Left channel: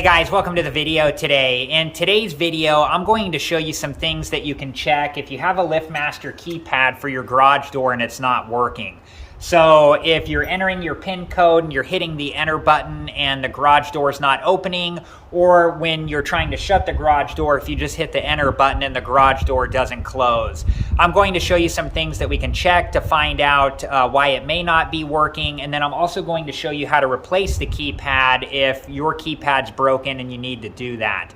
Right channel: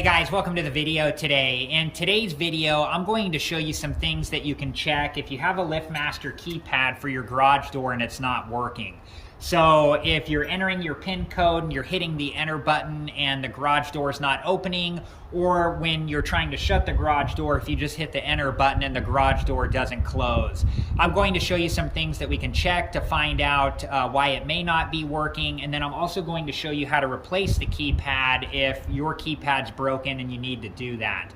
Hey guys, welcome to the video today. In today's video, I'm going to show you some things that you can check if you have a LiftMaster keypad for your garage door and it's not working. So if you're entering your PIN code and you're hitting the enter button and the garage door is not opening, or when you're trying to shut the garage door, if you just hit the enter button and the garage door doesn't close. I'm going to show you some things that we can check to find out why it may not be working, and then I'm also going to show you how to replace the keypad if your keypad's broken and you need to do that.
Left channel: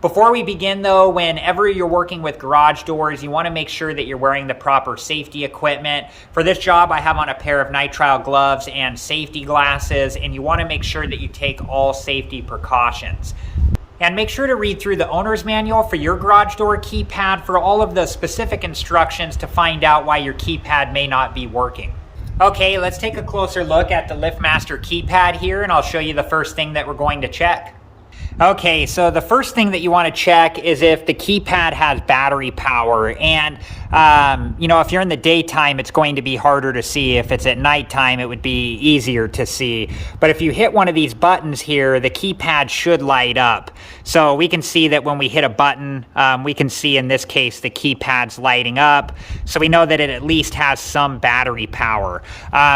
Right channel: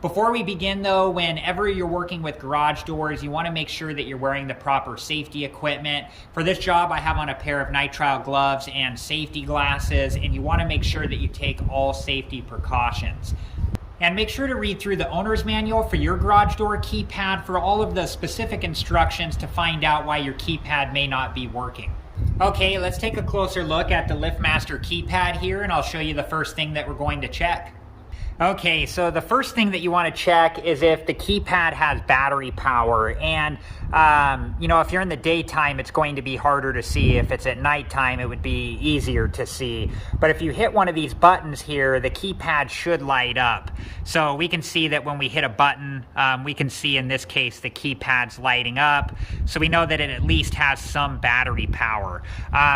Before we begin though, whenever you're working with garage doors, you want to make sure that you're wearing the proper safety equipment. For this job, I have on a pair of nitrile gloves and safety glasses, and you want to make sure that you take all safety precautions. And make sure to read through the owner's manual for your garage door keypad for all of the specific instructions to find out why your keypad may not be working. Okay, let's take a closer look at the LiftMaster keypad here, and I'll show you the first thing that we're going to check. Okay, so the first thing that you want to check is if the keypad has battery power, and if you're in the daytime, it's going to be harder to see. If it's at nighttime, it would be easier to see. But if you hit one of these buttons here, the keypad should light up. So we can see that when we hit a button, we can see in this case the keypad's lighting up. So we know that it at least has some battery power.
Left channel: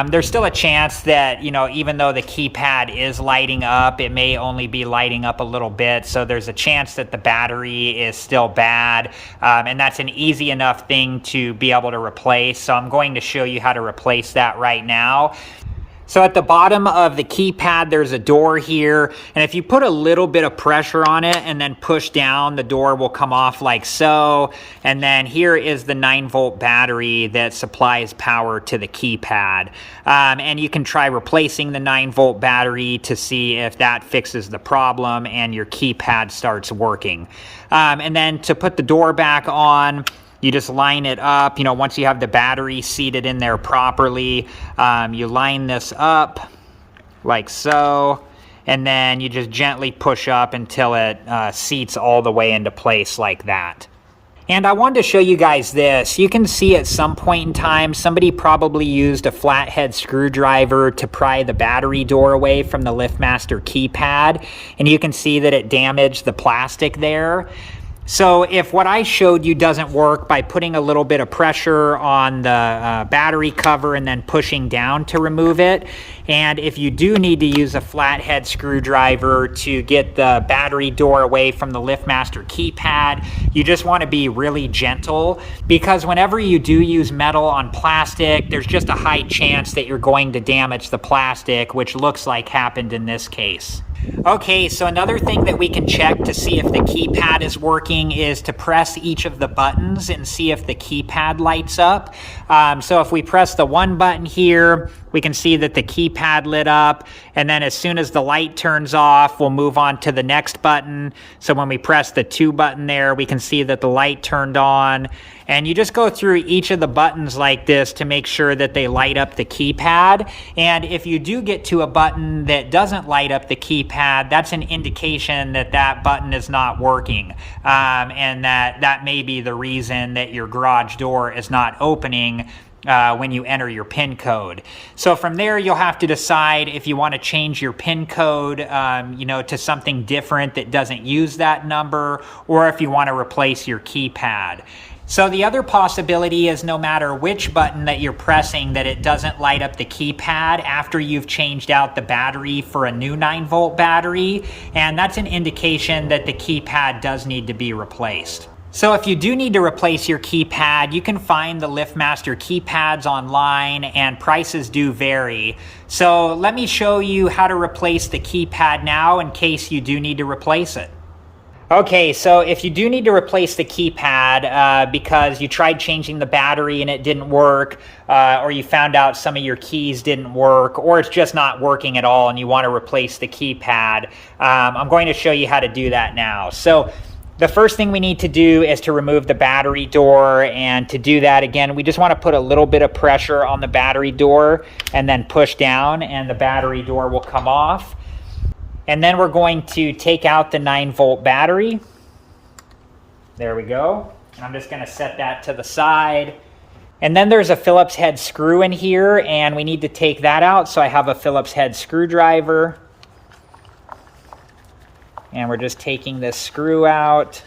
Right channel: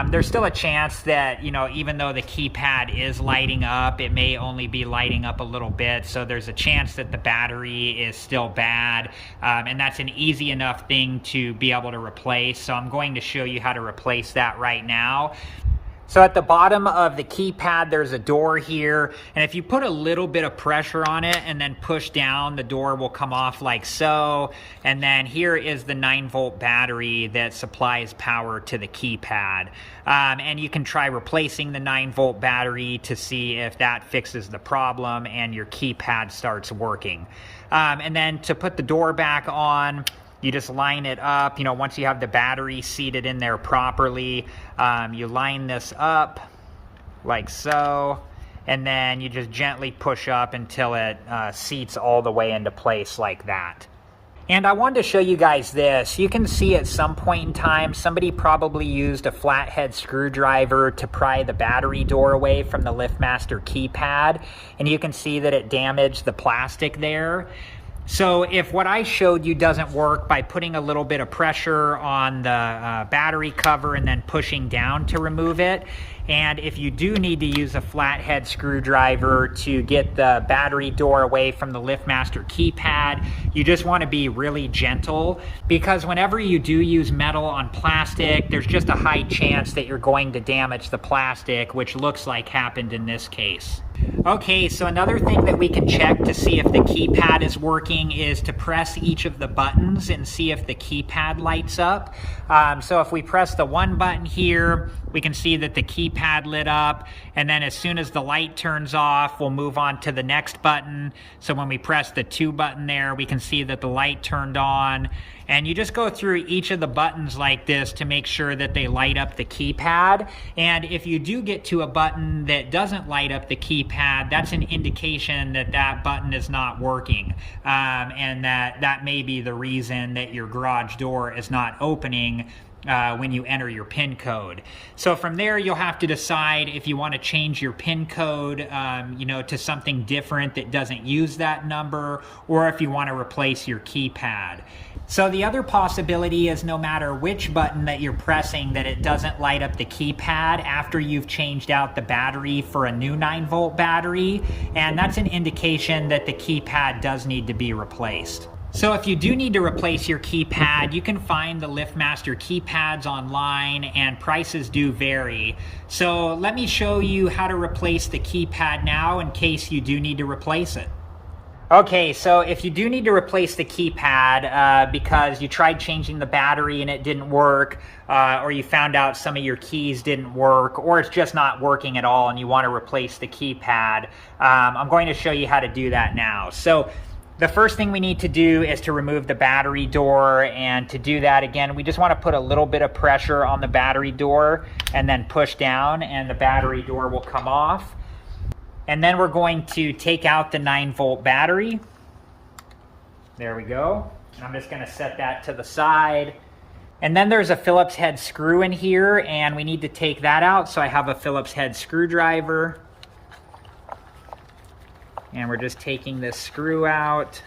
There's still a chance that, even though the keypad is lighting up, it may only be lighting up a little bit. So there's a chance that the battery is still bad. And that's an easy enough thing to be able to replace. So I'm going to show you how to replace that right now. So at the bottom of the keypad, there's a door here, and if you put a little bit of pressure on it and then push down, the door will come off like so. And then here is the 9-volt battery that supplies power to the keypad. And you can try replacing the 9-volt battery to see if that fixes the problem and your keypad starts working. And then to put the door back on, you just line it up. Once you have the battery seated in there properly, you line this up like so, and then you just gently push up until it seats all the way into place like that. And I wanted to show you guys this. You can see at some point in time, somebody probably used a flathead screwdriver to pry the battery door away from the LiftMaster keypad, and you can see that it damaged the plastic there. So if what I showed you doesn't work by putting a little bit of pressure on the battery cover and then pushing down to remove it, and if you do need to use a flathead screwdriver to get the battery door away from the LiftMaster keypad, you just want to be really gentle, because whenever you do use metal on plastic, there's just a high chance that you're going to damage the plastic, which looks like happened in this case. Okay, so another thing that we can check to see if the keypad is working is to press each of the buttons and see if the keypad lights up. So if we press the 1 button here, we can see that the keypad lit up, and then as soon as the light turns off, we'll move on to the next button. So when we press the 2 button there, we can see that the light turned on. And you just go through each of the buttons like this to make sure that they light up the keypad. And if you do get to a button that doesn't light up the keypad, that's an indication that that button is not working. And that may be the reason that your garage door is not opening when you enter your PIN code. So from there, you'll have to decide if you want to change your PIN code, to something different that doesn't use that number, or if you want to replace your keypad. So the other possibility is no matter which button that you're pressing, that it doesn't light up the keypad after you've changed out the battery for a new 9-volt battery, and that's an indication that the keypad does need to be replaced. So if you do need to replace your keypad, you can find the LiftMaster keypads online, and prices do vary. So let me show you how to replace the keypad now in case you do need to replace it. Okay, so if you do need to replace the keypad because you tried changing the battery and it didn't work, or you found out some of your keys didn't work, or it's just not working at all and you want to replace the keypad, I'm going to show you how to do that now. So the first thing we need to do is to remove the battery door, and to do that, again, we just want to put a little bit of pressure on the battery door and then push down, and the battery door will come off. And then we're going to take out the 9-volt battery. There we go. I'm just going to set that to the side. And then there's a Phillips head screw in here, and we need to take that out. So I have a Phillips head screwdriver. And we're just taking this screw out.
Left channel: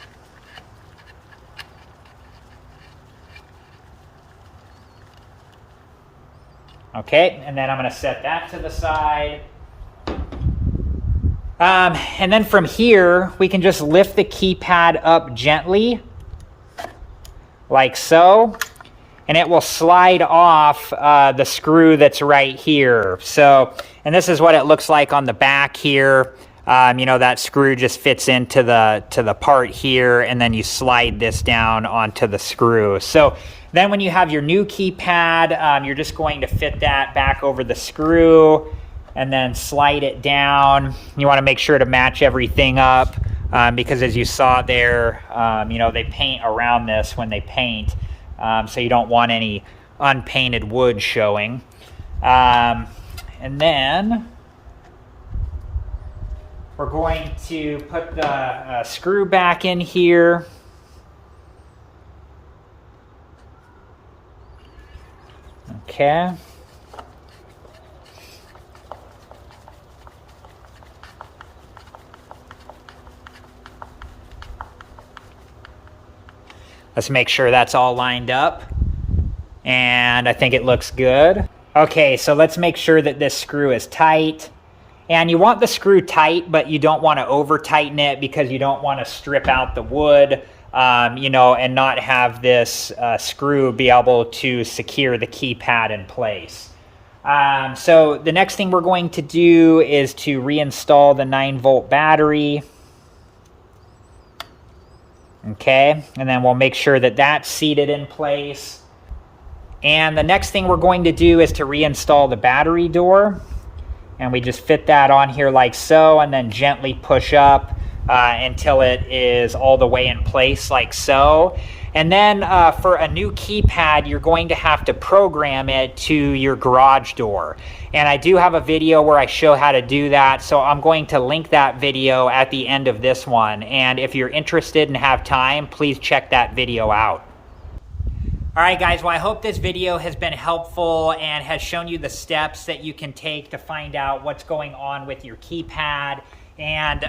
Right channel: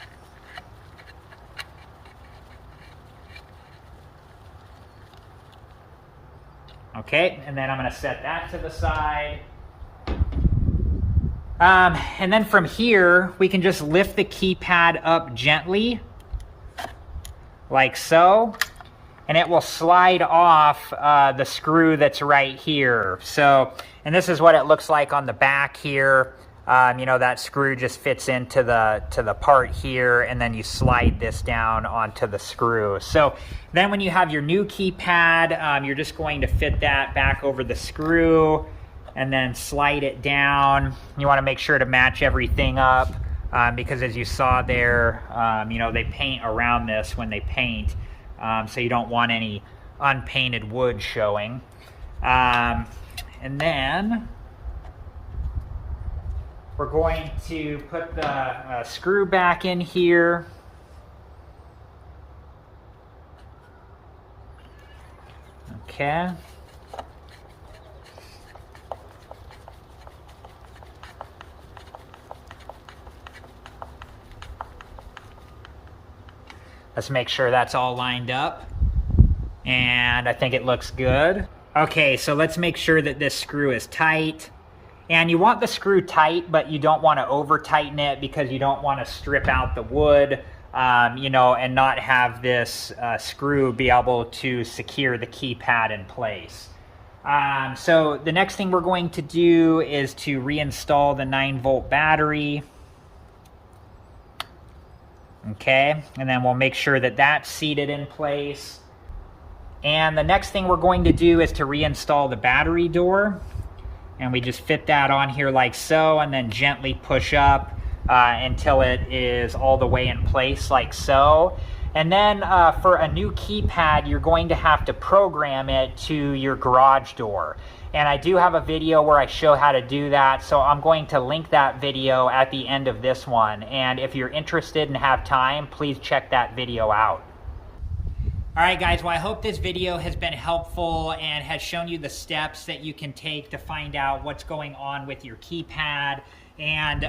Okay, and then I'm going to set that to the side. And then from here, we can just lift the keypad up gently, like so, and it will slide off the screw that's right here. So, and this is what it looks like on the back here. You know, that screw just fits into the part here, and then you slide this down onto the screw. So then when you have your new keypad, you're just going to fit that back over the screw and then slide it down. You want to make sure to match everything up because as you saw there, you know, they paint around this when they paint, so you don't want any unpainted wood showing. And then we're going to put the screw back in here. Okay. Let's make sure that's all lined up. And I think it looks good. Okay, so let's make sure that this screw is tight. And you want the screw tight, but you don't want to over tighten it because you don't want to strip out the wood, you know, and not have this screw be able to secure the keypad in place. So the next thing we're going to do is to reinstall the 9-volt battery. Okay, and then we'll make sure that that's seated in place. And the next thing we're going to do is to reinstall the battery door. And we just fit that on here like so, and then gently push up until it is all the way in place like so. And then for a new keypad, you're going to have to program it to your garage door. And I do have a video where I show how to do that, so I'm going to link that video at the end of this one. And if you're interested and have time, please check that video out. All right, guys, well, I hope this video has been helpful and has shown you the steps that you can take to find out what's going on with your keypad. And,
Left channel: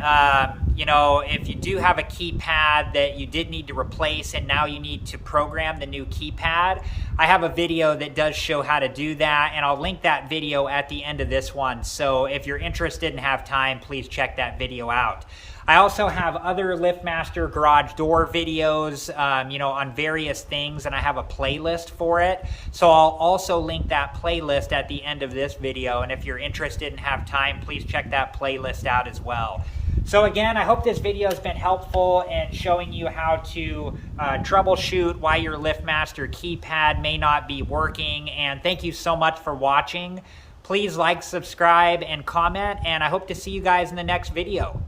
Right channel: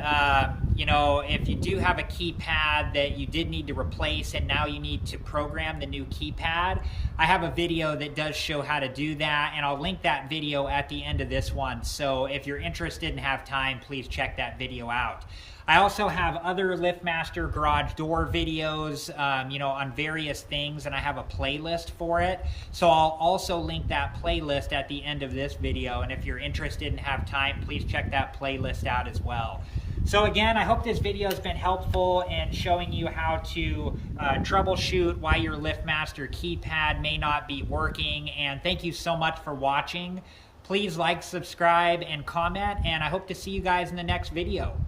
you know, if you do have a keypad that you did need to replace and now you need to program the new keypad, I have a video that does show how to do that, and I'll link that video at the end of this one. So if you're interested and have time, please check that video out. I also have other LiftMaster garage door videos, you know, on various things, and I have a playlist for it. So I'll also link that playlist at the end of this video, and if you're interested and have time, please check that playlist out as well. So again, I hope this video has been helpful in showing you how to troubleshoot why your LiftMaster keypad may not be working, and thank you so much for watching. Please like, subscribe, and comment, and I hope to see you guys in the next video.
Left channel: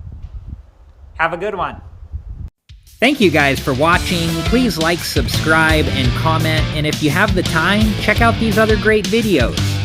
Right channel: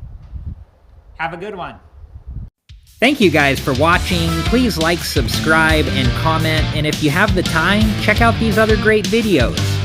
Have a good one. Thank you guys for watching. Please like, subscribe, and comment. And if you have the time, check out these other great videos.